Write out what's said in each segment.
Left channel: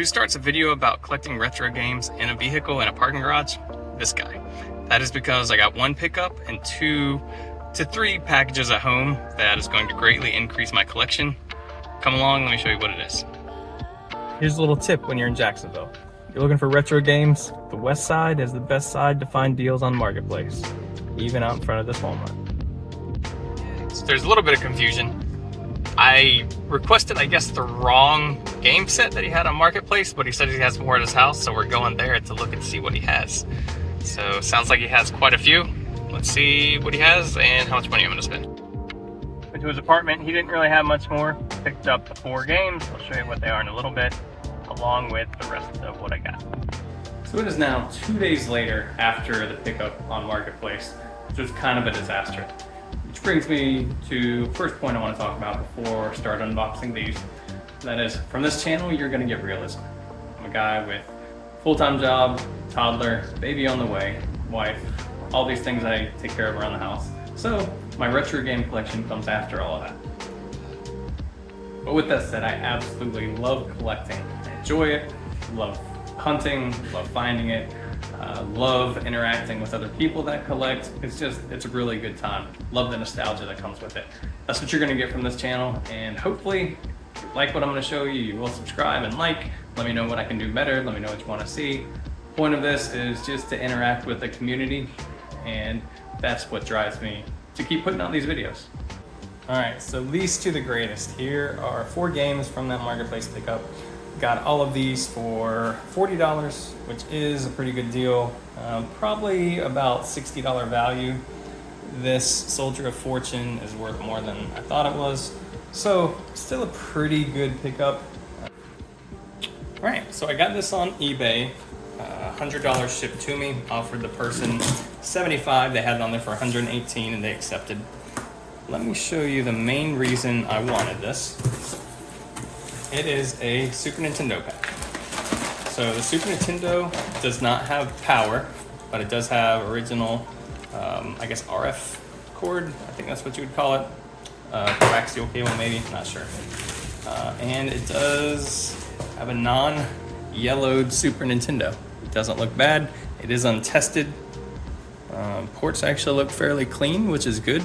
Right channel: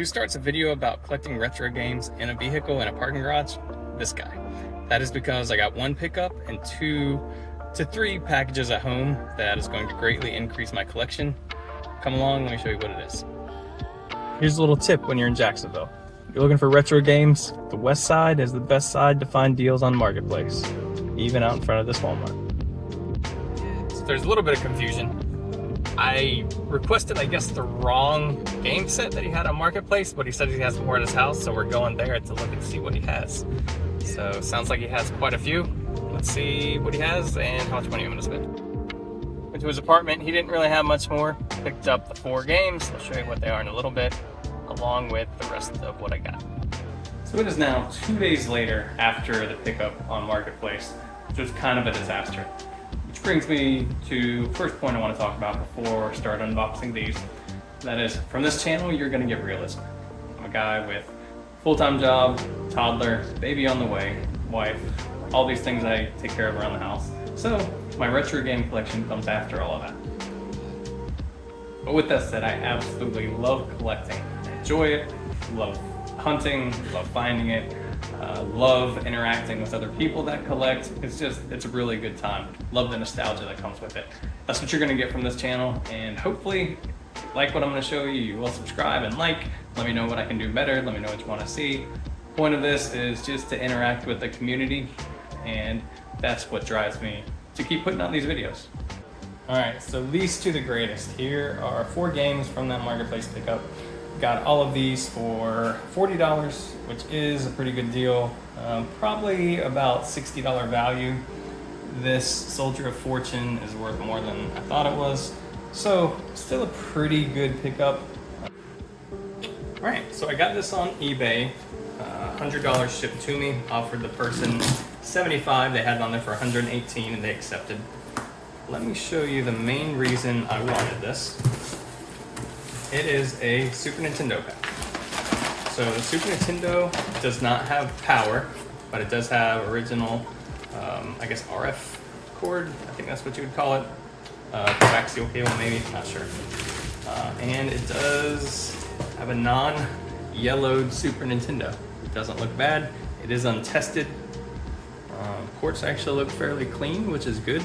Who starts a video about collecting retro games in a vehicle in a parking garage? This guy. That is because I got one pickup and 2 to 3 packages at home that is going to greatly increase my collection. Come along, let me show you what it is. Here's a little tip when you're in Jacksonville. You're looking for retro games, the west side is the best side to find deals on Marketplace, even out in front of this Walmart. So there's a little bit of confusion. I requested, I guess, the wrong game set that he had on Marketplace, but he said he has more at his house, so we're going there to look and see what he has. So sounds like he has quite a few. Let's see what he has and how much money I'm gonna spend. Went to his apartment, he didn't really have much more. Picked up the 4 games, I'll show you what they are in a little bit, along with the rest of what I got. So it is now 2 days later after the pickup on Marketplace, which was kind of a disaster. Which brings me to the first point I want to talk about before I start unboxing these. That is, from this channel, you're going to get realism. I'm a guy with full-time job, toddler, baby on the way, wife, all these things I take care of around the house. So my retro game collection comes after all of that. But with that said, I absolutely love collecting. I enjoy it, love hunting, love finding it, love interacting with other people that collect. It's a really good time. Love the nostalgia that comes with it. That's what you're gonna get from this channel, and hopefully, if you like what I'm gonna show you, you will subscribe and like. Let me know what I can do better, let me know what you wanna see. Point of this is just to interact with the community, and that's what drives me to keep putting out these videos. All right, so least to the greatest. Here are 4 games from that Marketplace pickup. Got all of these for $40, which is a pretty good deal. Probably about $60 value. This Soldier of Fortune is worth more than I thought it was. So still a pretty good pickup. All right, so I got this on eBay. $100 shipped to me. Offered the person $75. They had it on there for $118 and they accepted. Let me show you the main reason I wanted this. It is a Super Nintendo pack. So the Super Nintendo does not have power, but it does have original, I guess RF cord. I think that's what you would call it. Coaxial cable maybe, not sure. And it does have a non-yellowed Super Nintendo. It doesn't look bad. It is untested. Ports actually look fairly clean, which is good.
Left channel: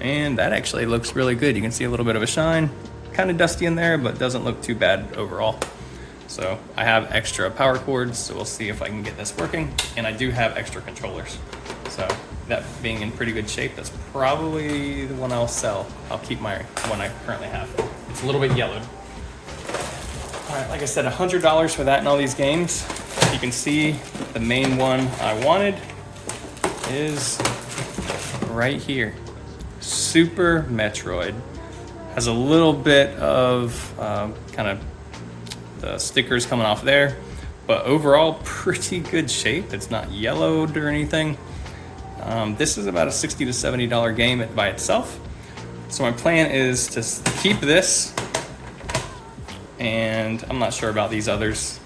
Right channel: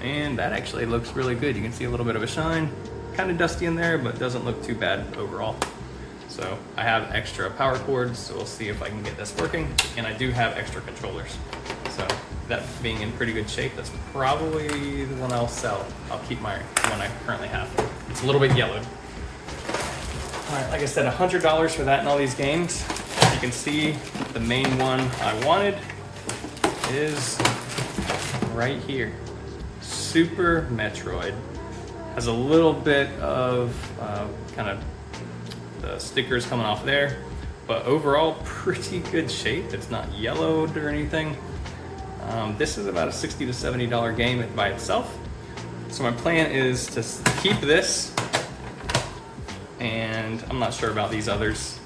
And that actually looks really good. You can see a little bit of a shine. Kind of dusty in there, but doesn't look too bad overall. So I have extra power cords, so we'll see if I can get this working. And I do have extra controllers. So that being in pretty good shape, that's probably the one I'll sell. I'll keep my one I currently have. It's a little bit yellowed. All right, like I said, $100 for that and all these games. You can see the main one I wanted is right here. Super Metroid. Has a little bit of kind of the stickers coming off there, but overall pretty good shape. It's not yellowed or anything. This is about a $60 to $70 game by itself. So my plan is to keep this, and I'm not sure about these others.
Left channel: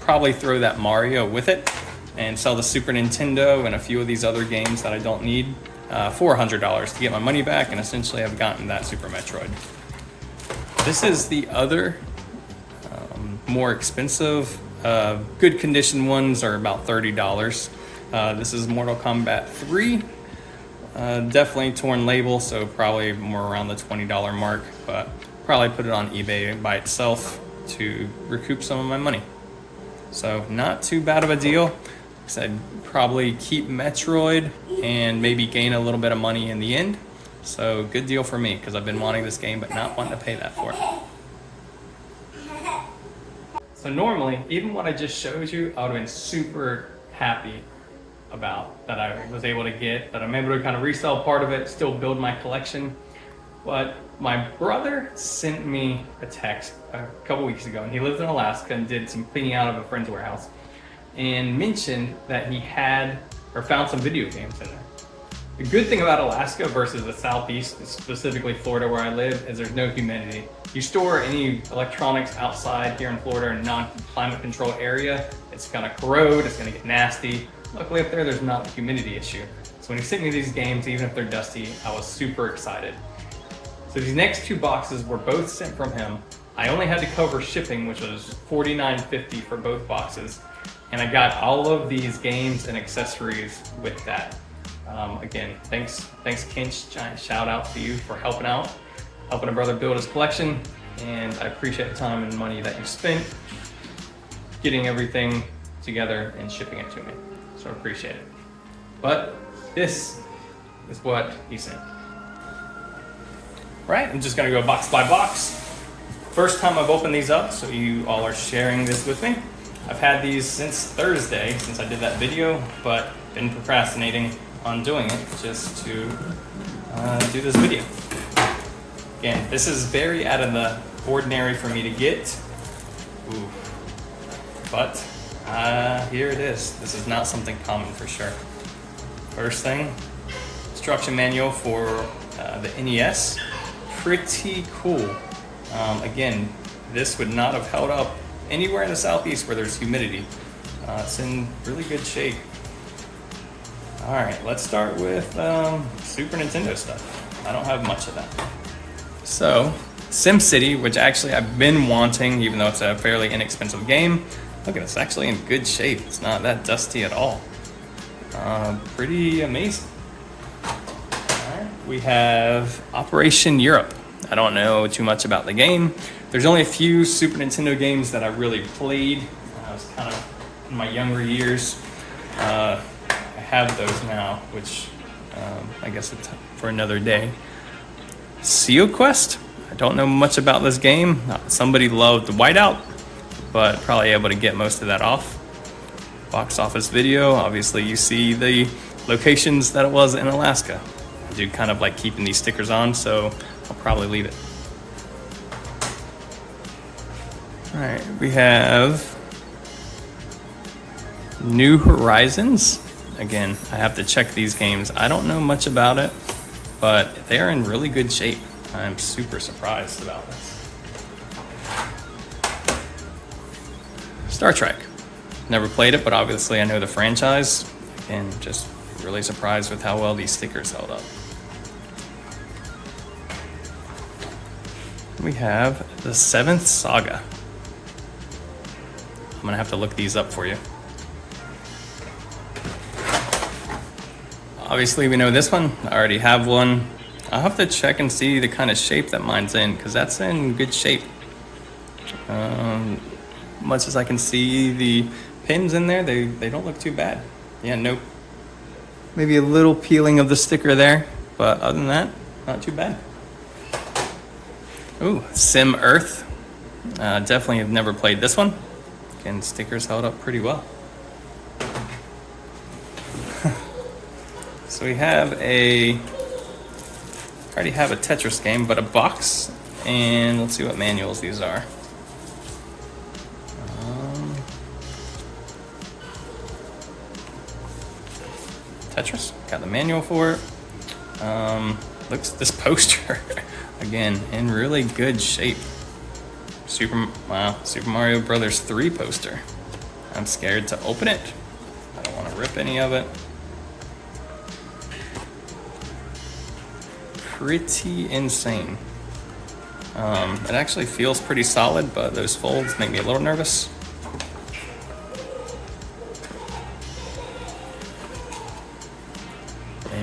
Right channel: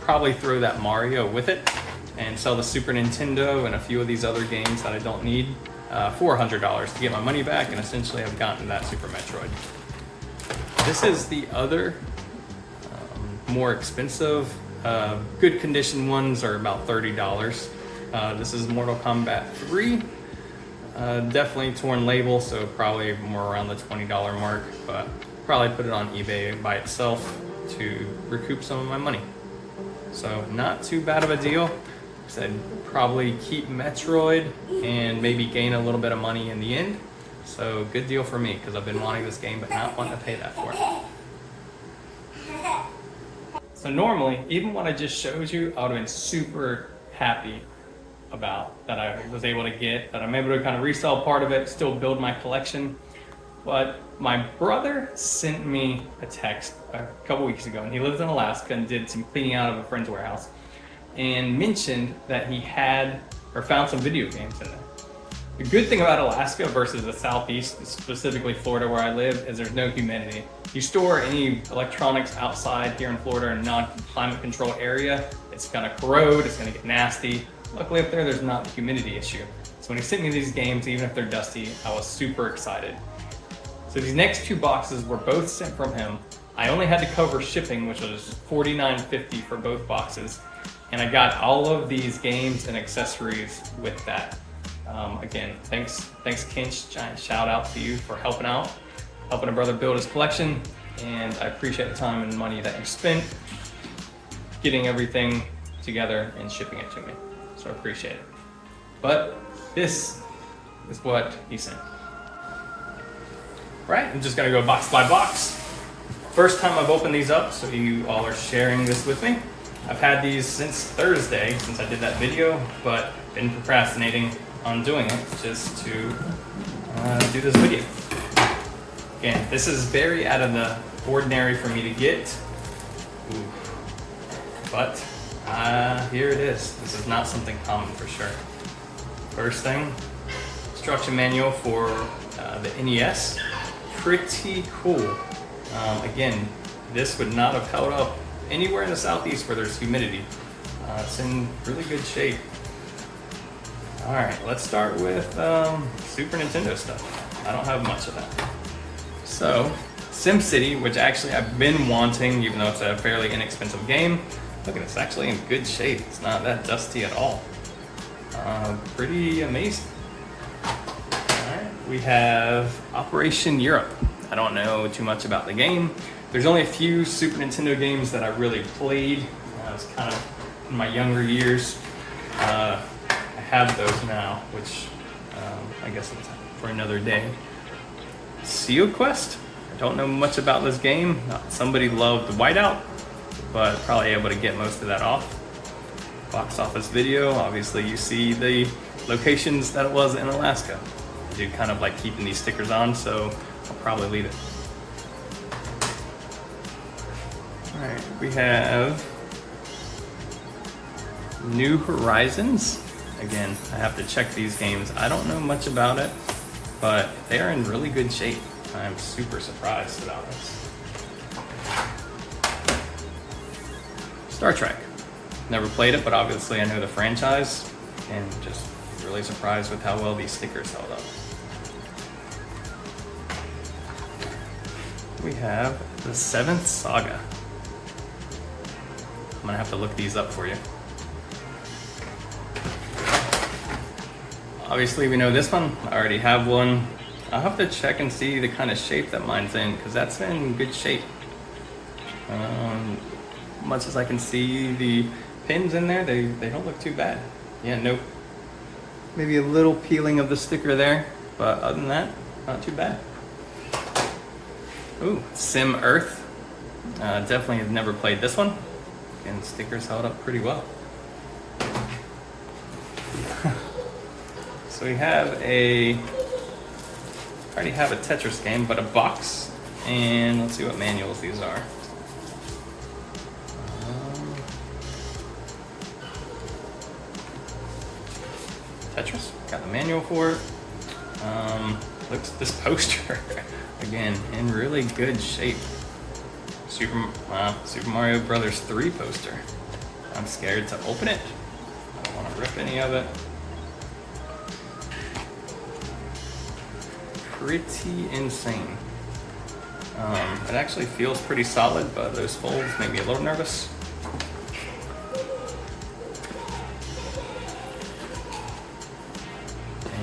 Probably throw that Mario with it and sell the Super Nintendo and a few of these other games that I don't need. For $100 to get my money back, and essentially I've gotten that Super Metroid. This is the other more expensive. Good condition ones are about $30. This is Mortal Kombat 3. Definitely torn label, so probably more around the $20 mark, but probably put it on eBay by itself to recoup some of my money. So not too bad of a deal. I'd probably keep Metroid and maybe gain a little bit of money in the end. So good deal for me, because I've been wanting this game but not wanting to pay that for it. So normally, even what I just showed you, I would have been super happy about that I was able to get, that I'm able to kind of resell part of it, still build my collection. But my brother sent me a text a couple weeks ago, and he lives in Alaska and did some cleaning out of a friend's warehouse, and mentioned that he had or found some video games in there. The good thing about Alaska versus the Southeast, specifically Florida where I live, is there's no humidity. You store any electronics outside here in Florida in a non-climate control area, it's gonna corrode, it's gonna get nasty. Luckily up there, there's not the humidity issue. So when he sent me these games, even if they're dusty, I was super excited. So these next 2 boxes were both sent from him I only had to cover shipping, which was $49.50 for both boxes. And I got all of these games and accessories with that. Again, thanks Kinch, giant shout out to you for helping out, helping a brother build his collection. And I appreciate the time and money that you spent getting everything together and shipping it to me. So I appreciate it. But this is what he sent. Right, I'm just gonna go box by box. First time I've opened these up, so you all are sharing this with me. I've had these since Thursday, since I did that video, but been procrastinating on doing it just to do this video. Again, this is very out of the ordinary for me to get. Ooh. But here it is. This is not something common for sure. First thing, instruction manual for the NES. Pretty cool. Again, this would not have held up anywhere in the southeast where there's humidity. It's in really good shape. All right, let's start with Super Nintendo stuff. I don't have much of that. So, SimCity, which actually I've been wanting, even though it's a fairly inexpensive game. Look at it's actually in good shape. It's not that dusty at all. Pretty amazing. Alright, we have Operation Europe. I don't know too much about the game. There's only a few Super Nintendo games that I really played. I was kind of in my younger years. I have those now, which I guess it's for another day. Seal Quest? I don't know much about this game. Somebody loved Whiteout, but probably able to get most of that off. Box office video, obviously you see the locations that it was in Alaska. I do kind of like keeping these stickers on, so I'll probably leave it. All right, we have New Horizons. Again, I have to check these games. I don't know much about it, but they are in really good shape. I'm super surprised about this. Star Trek. Never played it, but obviously I know the franchise, and just really surprised with how well these stickers held up. We have the 7th Saga. I'm gonna have to look these up for you. Obviously we know this one. I already have one. I'll have to check and see the kind of shape that mine's in, because that's in good shape. Much as I can see the pins in there, they don't look too bad. Yeah, nope. Maybe a little peeling of the sticker there, but other than that, not too bad. Ooh, Sim Earth. Definitely have never played this one. Again, stickers held up pretty well. So we have I already have a Tetris game, but a box, and let's see what manuals these are. Tetris, got the manual for it. Looks this poster again in really good shape. Super Mario Brothers 3 poster. I'm scared to open it. I don't want to rip any of it. Pretty insane. It actually feels pretty solid, but those folds make me a little nervous.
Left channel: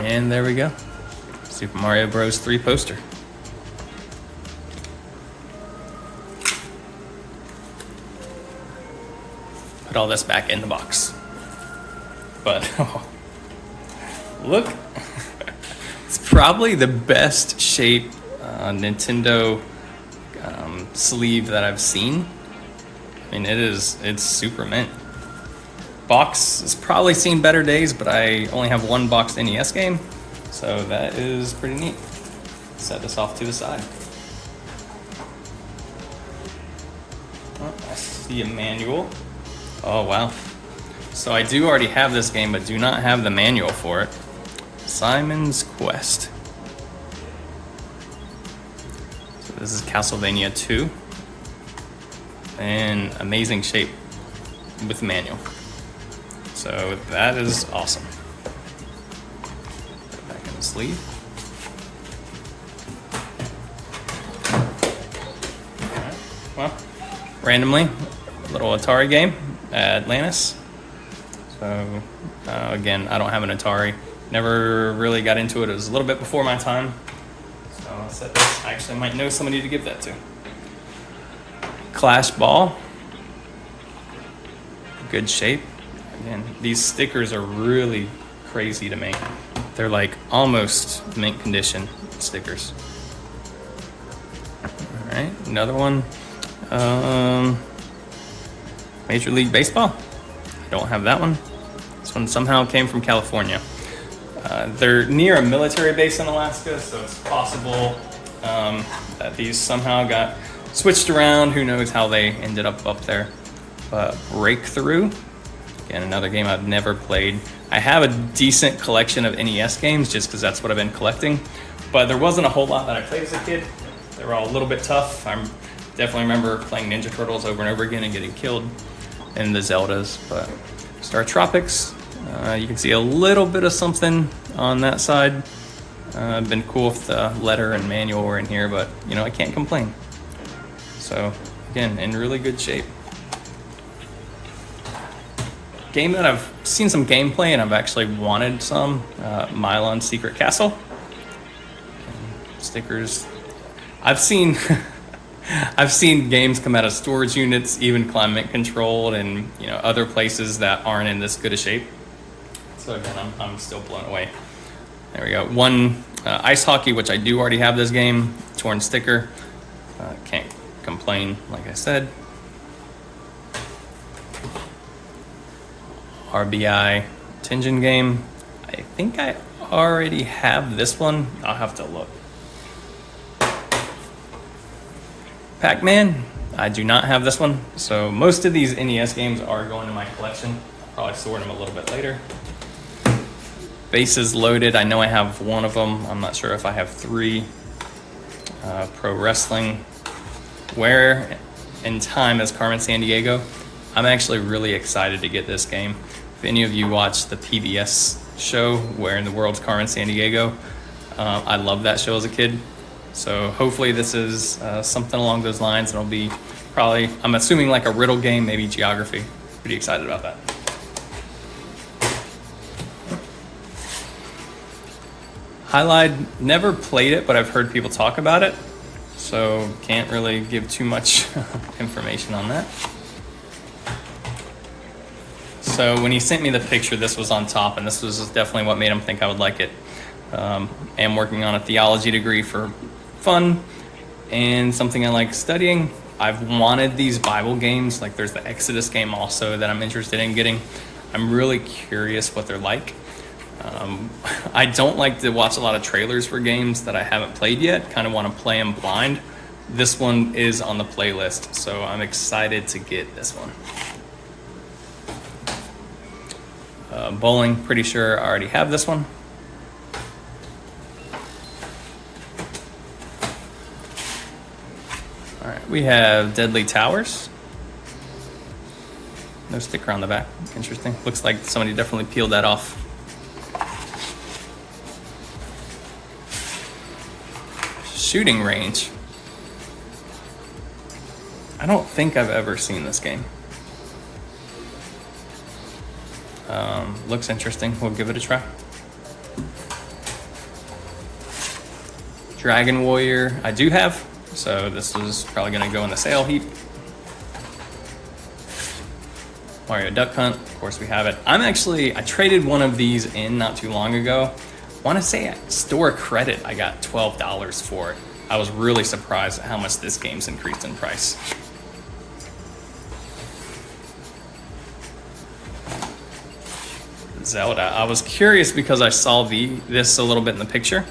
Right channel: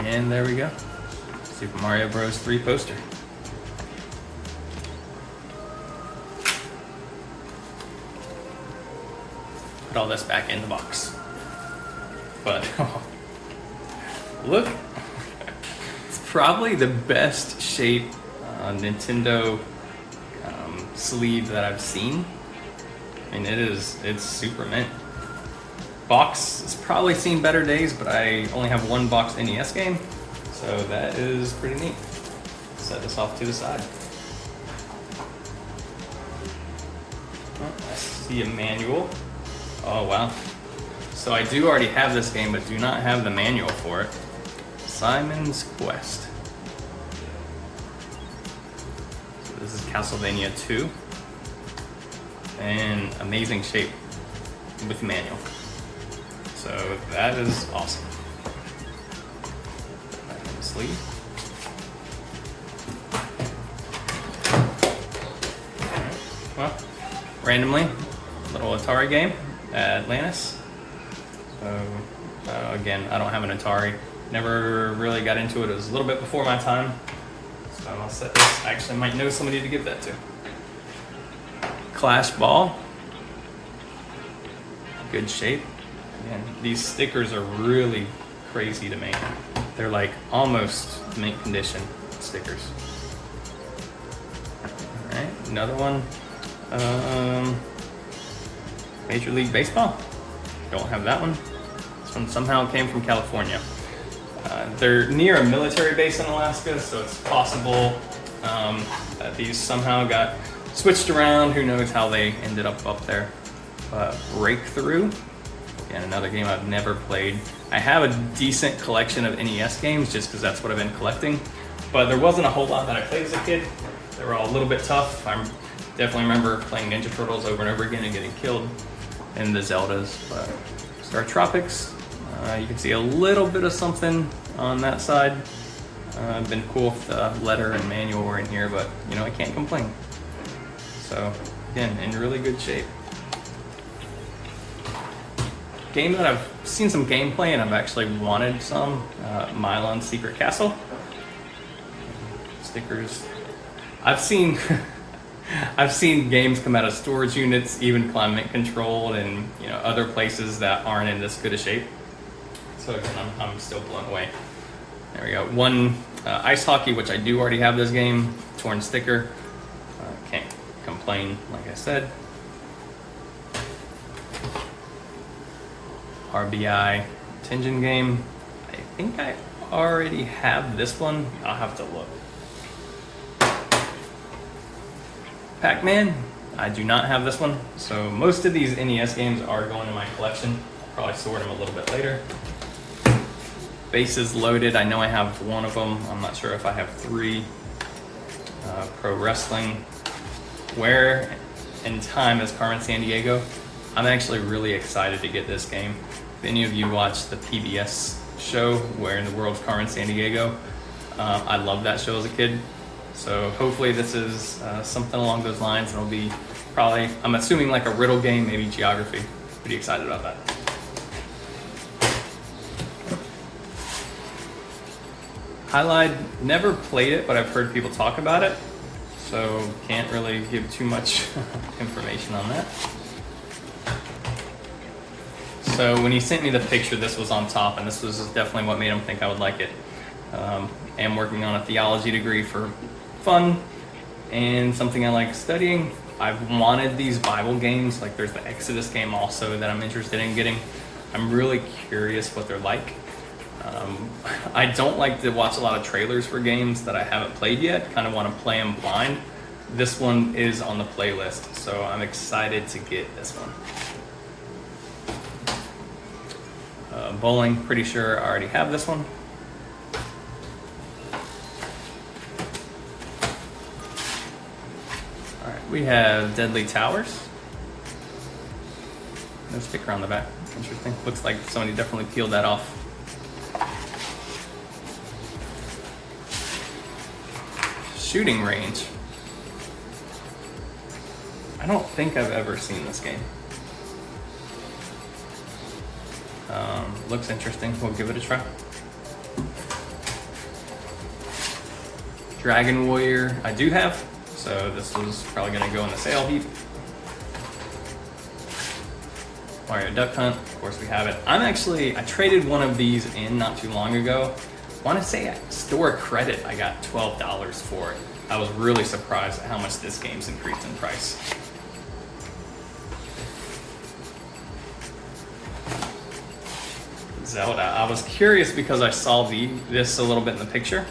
And there we go. Super Mario Bros. 3 poster. Put all this back in the box. But look, it's probably the best shape Nintendo sleeve that I've seen. I mean, it's super mint. Box has probably seen better days, but I only have one boxed NES game, so that is pretty neat. Set this off to the side. Oh, I see a manual. Oh wow. So I do already have this game, but do not have the manual for it. Simon's Quest. So this is Castlevania 2. And amazing shape with the manual. So that is awesome. Back in the sleeve. randomly, little Atari game, Atlantis. So again, I don't have an Atari. Never really got into it. It was a little bit before my time. So I'll set this. I actually might know somebody to give that to. Clash Ball. Good shape. Again, these stickers are really crazy to make. They're like almost mint condition stickers. All right, another one. Major League Baseball. I don't have that one. This one somehow came from California. They're near a military base in Alaska, so it's possible that these somehow got switched around. Who knows how they ended up there. But Breakthrough, again, another game I've never played. I have a decent collection of NES games just because that's what I've been collecting. But there wasn't a whole lot that I played as a kid. They were all a little bit tough. I definitely remember playing Ninja Turtles over and over again and getting killed. And the Zeldas. But Star Tropics, you can see a little bit of something on that side. Been cool if the letter and manual were in here, but you know, I can't complain. So again, in really good shape. Game that I've seen some gameplay and I've actually wanted some, Milon Secret Castle. Stickers. I've seen I've seen games come out of storage units, even climate controlled, and you know, other places that aren't in this good a shape. So again, I'm still blown away. There we go. One ice hockey, which I do already have this game. Torn sticker. Can't complain, like I said. RBI Tenjin game. I think I already have this one. I'll have to look. Pac-Man. I do not have this one. So most of these NES games are going in my collection. I'll probably sort them a little bit later. Bases Loaded. I know I have one of them. I'm not sure if I have three. Pro Wrestling. Where in Time is Carmen Sandiego. I'm actually really excited to get this game. If any of you watched the PBS show, Where in the World's Carmen Sandiego, I loved that show as a kid. So hopefully this is something along those lines, and it'll be probably, I'm assuming, like a riddle game, maybe geography. Pretty excited about that. Highlight, never played it, but I've heard people talk about it, so can't really give too much information on that. So when he sent me the picture, this was on top, and this was definitely what made him think I would like it. Am working on a theology degree for fun and something I like studying. I've wanted these Bible games, like there's the Exodus game also that I'm interested in getting. I'm really curious what they're like. I don't like to watch a lot of trailers for games that I haven't played yet, kind of want to play them blind. This one is on the playlist, so I'm excited to get this one. Bowling, pretty sure I already have this one. All right, we have Deadly Towers. No sticker on the back. Interesting. Looks like somebody definitely peeled that off. Shooting Range. I don't think I've ever seen this game. Looks interesting. We'll give it a try. Dragon Warrior, I do have, so this is probably going to go in the sale heap. Mario Duck Hunt, of course we have it. I traded one of these in not too long ago. I want to say at store credit, I got $12 for it. I was really surprised at how much this game's increased in price. Zelda. I was curious because I saw this a little bit in the picture.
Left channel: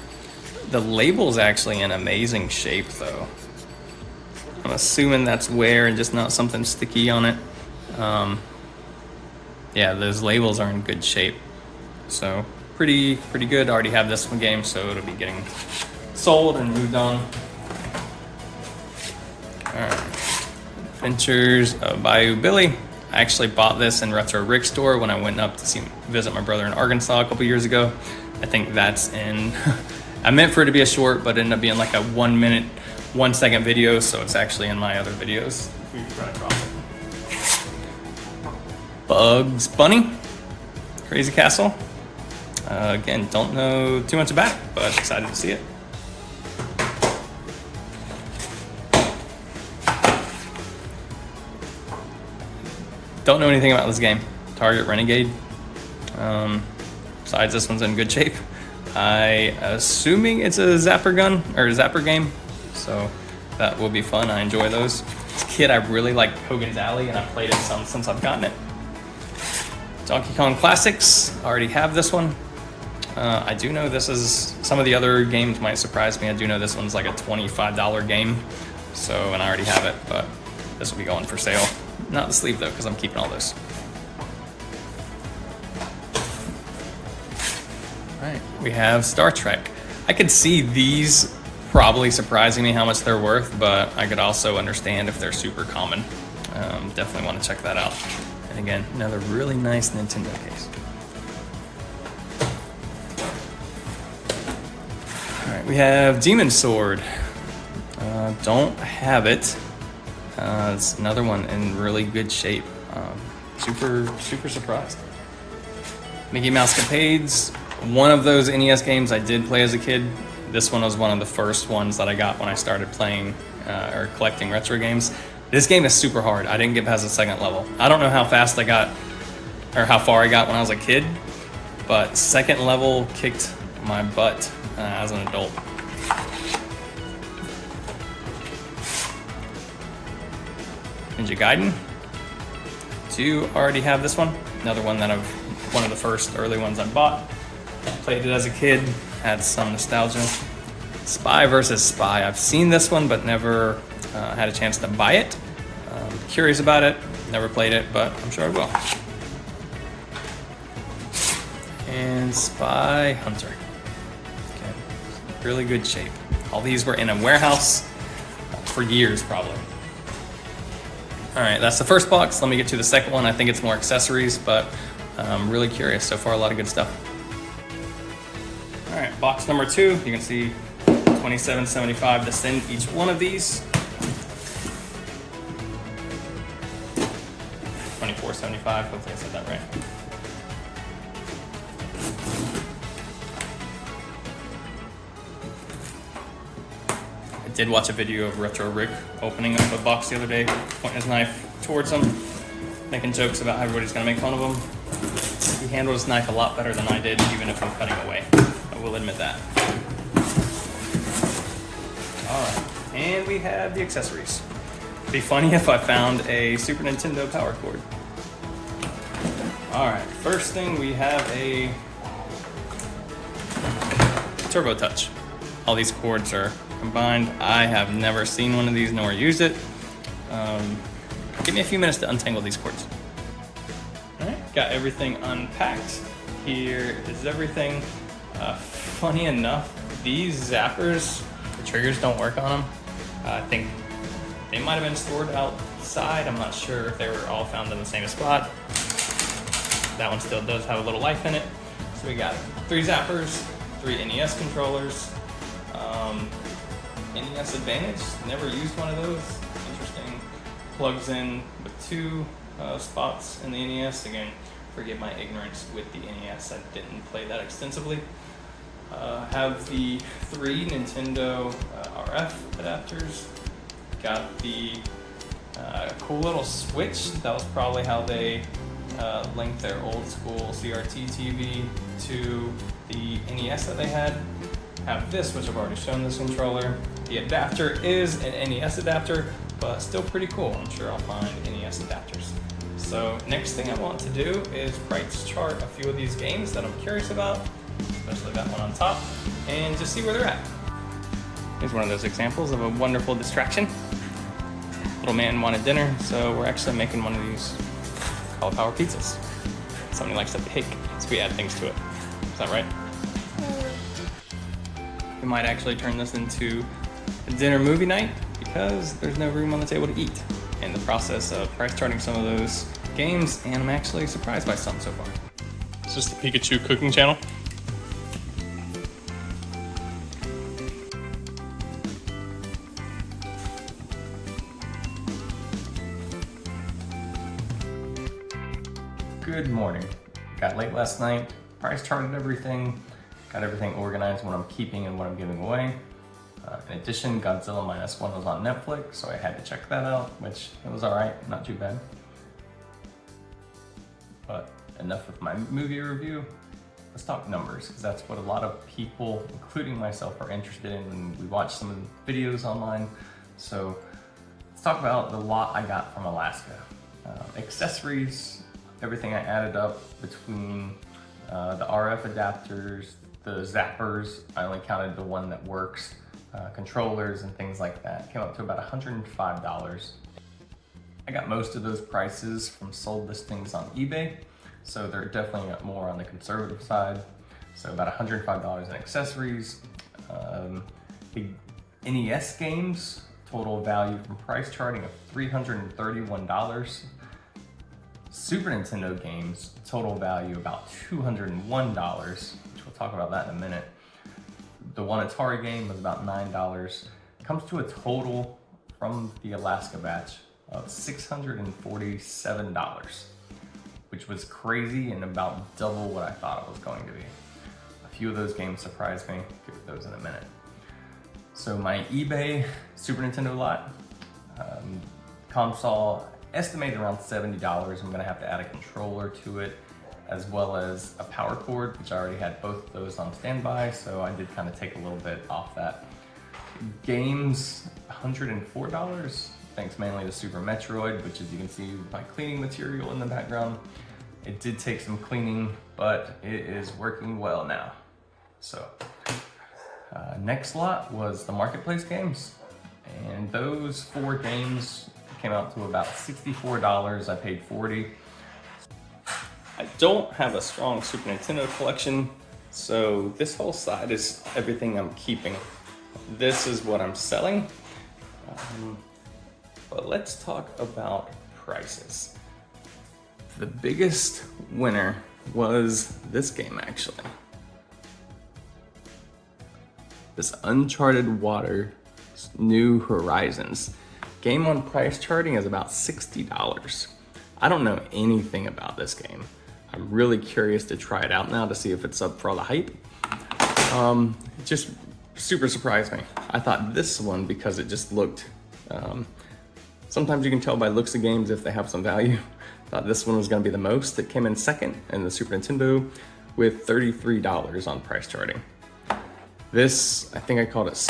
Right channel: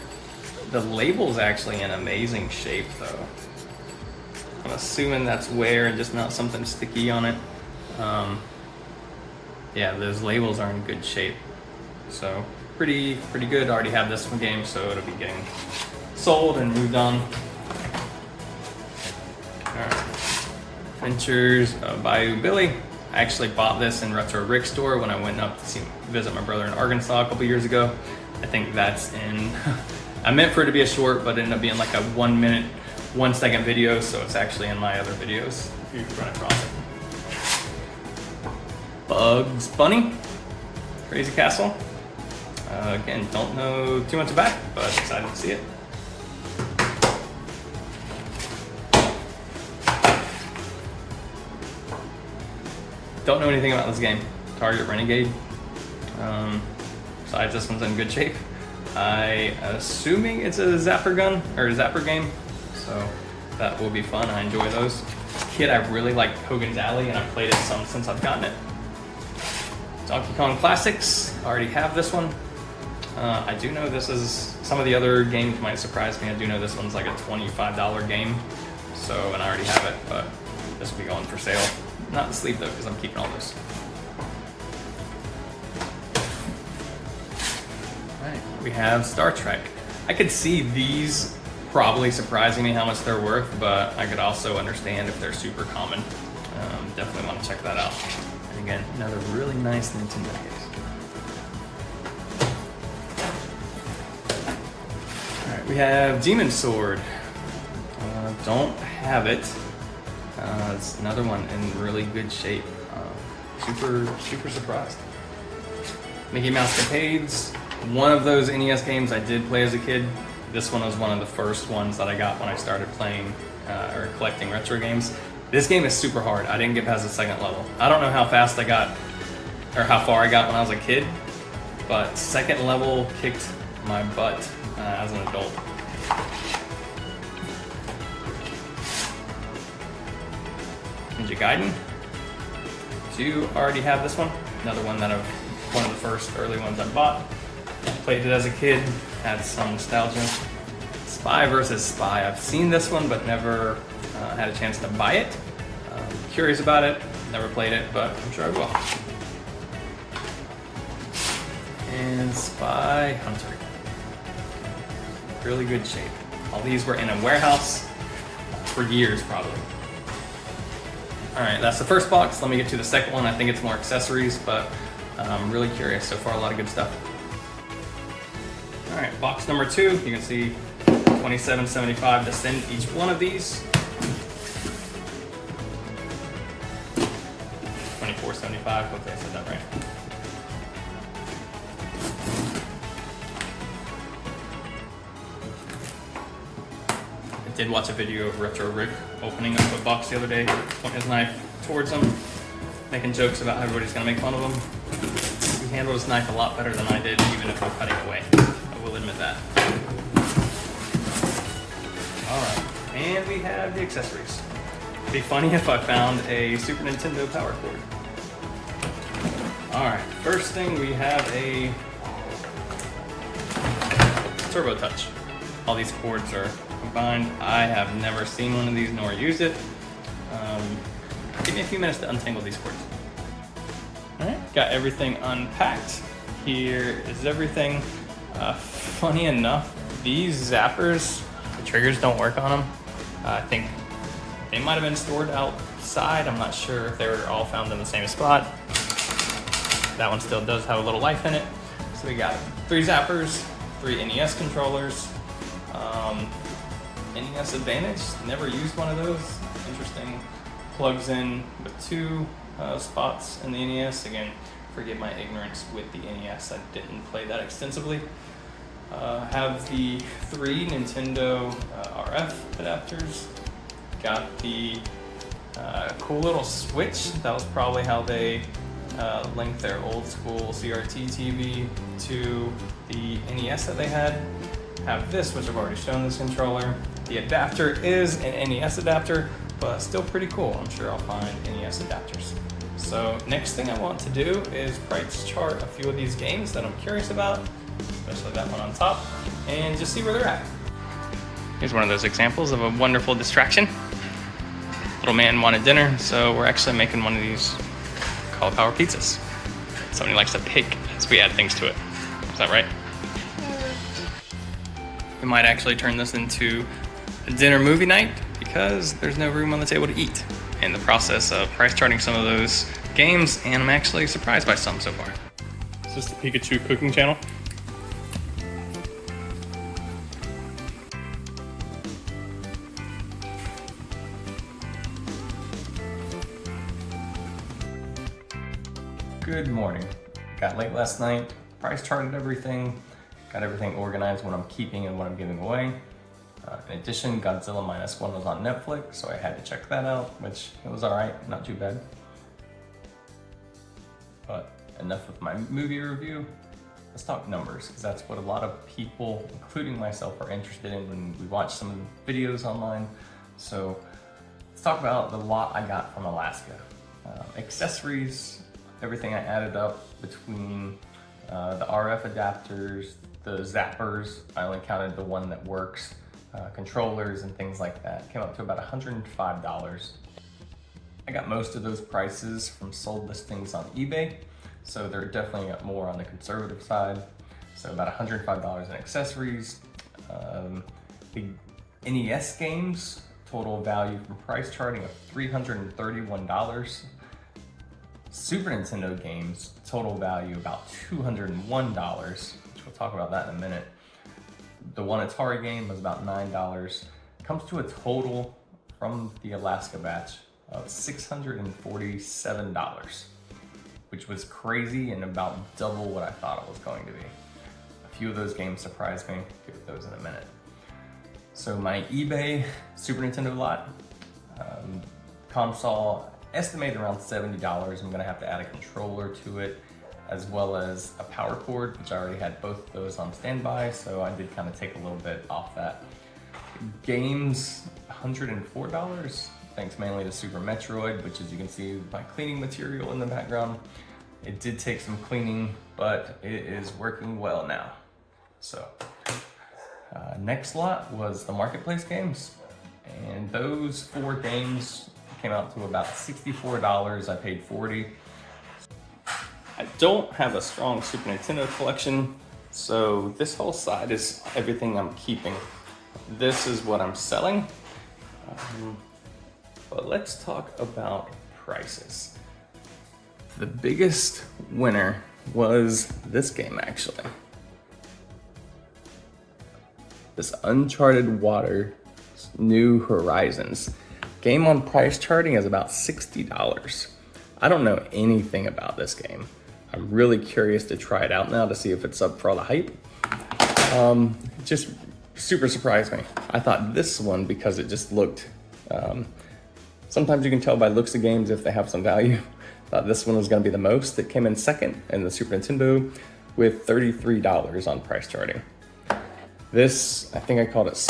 The label's actually in amazing shape though. I'm assuming that's wear and just not something sticky on it. Yeah, those labels are in good shape. So pretty good. I already have this one game, so it'll be getting sold and moved on. Alright. Adventures of Bayou Billy. I actually bought this in Retro Rick's store when I went up to visit my brother in Arkansas a couple years ago. I think that's in, I meant for it to be a short, but it ended up being like a 1 minute 1-second video, so it's actually in my other videos if you run across it. Bugs Bunny, Crazy Castle. Again, don't know too much about it, but excited to see it. Don't know anything about this game. Target Renegade. Besides, this one's in good shape. Assuming it's a zapper gun or a zapper game, so that will be fun. I enjoy those. As a kid, I really liked Hogan's Alley, and I've played it some since I've gotten it. Donkey Kong Classics. I already have this one. I do know this is, some of the other games might surprise me. I do know this one's like a $25 game, so, and I already have it, but this will be going for sale. Not the sleeve though, because I'm keeping all this. Alright, we have Star Trek. I could see these probably surprising me how much they're worth, but I could also understand if they're super common. Definitely want to check that out. And again, another really nice Nintendo case. Alright, we have Demon Sword. Don't have it. It's another one in really good shape. Super surprised. Mickey Mouse Capades. One of those NES games I did play as a kid. This one was one of the first ones that I got when I started playing or collecting retro games. This game is super hard. I didn't get past the second level. I don't know how fast I got or how far I got when I was a kid, but second level kicked my butt as an adult. Ninja Gaiden. Do already have this one. Another one that one of the first early ones I bought. Played it as a kid, had some nostalgia. Spy vs. Spy. I've seen this one, but never had a chance to buy it. Curious about it. Never played it, but I'm sure I will. And Spy Hunter. Okay. Really good shape. All these were in a warehouse for years, probably. Alright, that's the first box. Let me get to the second one. I think it's more accessories, but I'm really curious. So far, a lot of good stuff. Alright, box number 2. You can see $27.75 to send each one of these. $24.75. Hopefully I said that right. I did watch a video of Retro Rick opening up a box the other day, pointing his knife towards him, making jokes about how everybody's gonna make fun of him. He handled his knife a lot better than I did, even if we're cutting away. I will admit that. Alright, and we have the accessories. It'd be funny if I found a Super Nintendo power cord. Alright, first thing we have a Turbo Touch. All these cords are combined. I have never seen one of these nor used it. Give me a few minutes to untangle these cords. Alright, got everything unpacked. Here is everything. Funny enough, these zappers, the triggers don't work on them. I think they might have been stored outside. I'm not sure if they were all found in the same spot. That one still does have a little life in it. So we got 3 zappers, 3 NES controllers, NES Advantage, never used one of those. Interesting. Plugs in with 2 spots in the NES. Again, forgive my ignorance with the NES. I didn't play that extensively. Have the 3 Nintendo RF adapters. Got the cool little switch. That was probably how they linked their old school CRT TV to the NES that they had. Have this, which I've already shown this controller. The adapter is an NES adapter, but still pretty cool. I'm sure I'll find NES adapters. So next thing I want to do is price chart a few of these games that I'm curious about, especially that one on top, and just see where they're at. Here's one of those examples of a wonderful distraction. Little man wanted dinner, so we're actually making one of these cauliflower pizzas. Somebody likes to pick as we add things to it. Is that right? We might actually turn this into a dinner movie night because there's no room on the table to eat. In the process of price charting some of those games, and I'm actually surprised by some so far. It's just the Pikachu cooking channel. Good morning. Got late last night, price charted everything, got everything organized, what I'm keeping and what I'm giving away. In addition, Godzilla Minus One was on Netflix, so I had to check that out, which it was alright, not too bad. But enough with my movie review. Let's talk numbers, because that's what a lot of people, including myself, are interested in when we watch some of the videos online. So let's talk about the lot I got from Alaska. Accessories, everything I added up between the RF adapters, the zappers, I only counted the one that works, controllers and things like that, came up to about $105. I got most of those prices from sold listings on eBay, so they're definitely more on the conservative side. So about $105 in accessories. The NES games, total value from price charting of $331. Super Nintendo games, total value about $201, which we'll talk about that in a minute. The one Atari game was about $9. Comes to a total from the Alaska batch of $647, which was crazy and about double what I thought it was going to be. A few of those games surprised me. Get to those in a minute. So my eBay Super Nintendo lot, console estimated around $70. I'm gonna have to add a controller to it, as well as a power cord, which I already had both of those on standby, so I did kind of take a little bit off that. Games, $104, thanks mainly to Super Metroid, which as you can see, my cleaning material in the background. It did take some cleaning, but it is working well now. So, next lot was the Marketplace games, and those 4 games came out to about $64. I paid $40. I don't have a strong Super Nintendo collection, so this whole side is everything I'm keeping. This is what I'm selling. But let's talk about prices. The biggest winner was this game, actually. This Uncharted Water New Horizons. Game on price charting is about $60. I don't know anything about this game. I'm really curious to try it out now to see if it's up for all the hype. It just super surprised me. I thought this one, because it just looked, sometimes you can tell by looks of games if they have some value. Thought this one was gonna be the most. It came in second in the Super Nintendo with $33 on price charting. This, I think I called it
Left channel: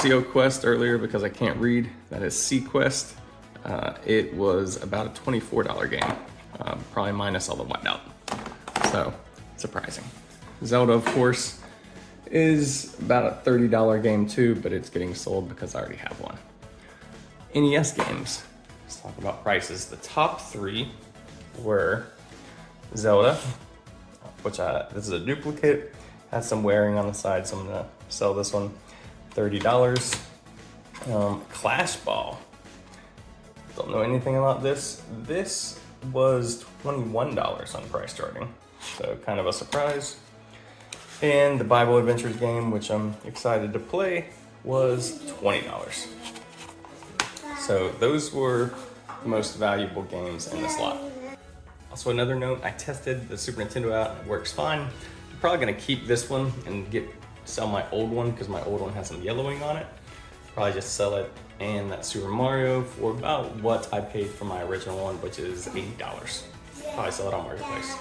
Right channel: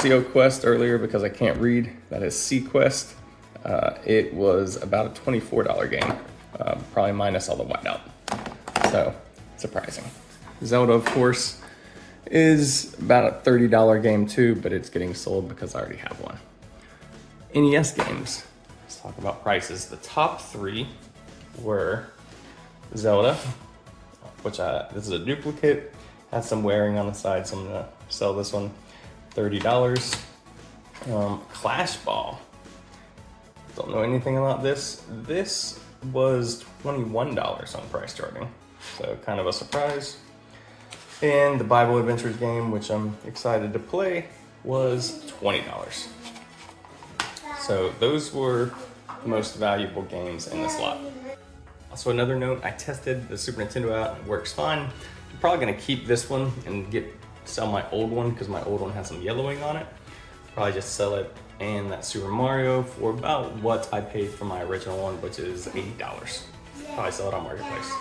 CO Quest earlier because I can't read. That is C Quest. It was about a $24 game, probably minus all the whiteout. So, surprising. Zelda, of course, is about a $30 game too, but it's getting sold because I already have one. NES games, let's talk about prices. The top 3 were Zelda, which this is a duplicate, has some wearing on the side, so I'm gonna sell this one, $30. Clash Ball, don't know anything about this. This was $21 on price charting, so kind of a surprise. And the Bible Adventures game, which I'm excited to play, was $20. So those were the most valuable games in this lot. Also, another note, I tested the Super Nintendo out, it works fine. I'm probably gonna keep this one and sell my old one because my old one has some yellowing on it. Probably just sell it and that Super Mario for about what I paid for my original one, which is $80. Probably sell it on Marketplace.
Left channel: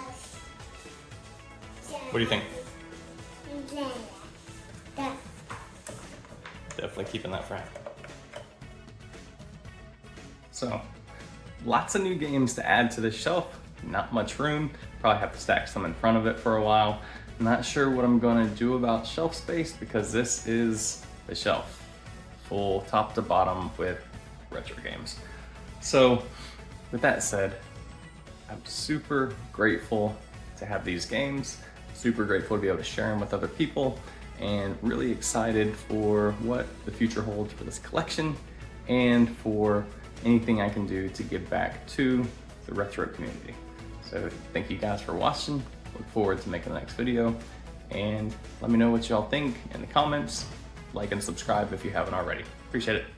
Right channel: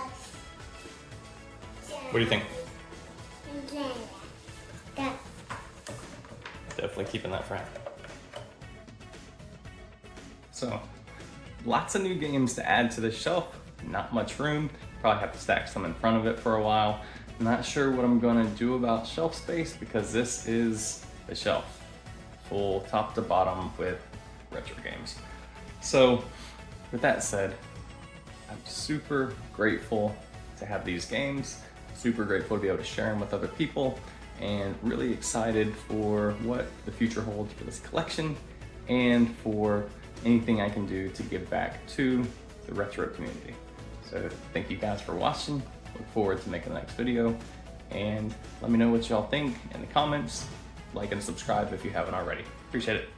What do you think? Definitely keeping that friend. So, lots of new games to add to the shelf. Not much room. Probably have to stack some in front of it for a while. Not sure what I'm gonna do about shelf space because this is the shelf. Full top to bottom with retro games. So, with that said, I'm super grateful to have these games. Super grateful to be able to share them with other people, and really excited for what the future holds for this collection and for anything I can do to give back to the retro community. So thank you guys for watching. Look forward to making the next video, and let me know what y'all think in the comments. Like and subscribe if you haven't already. Appreciate it.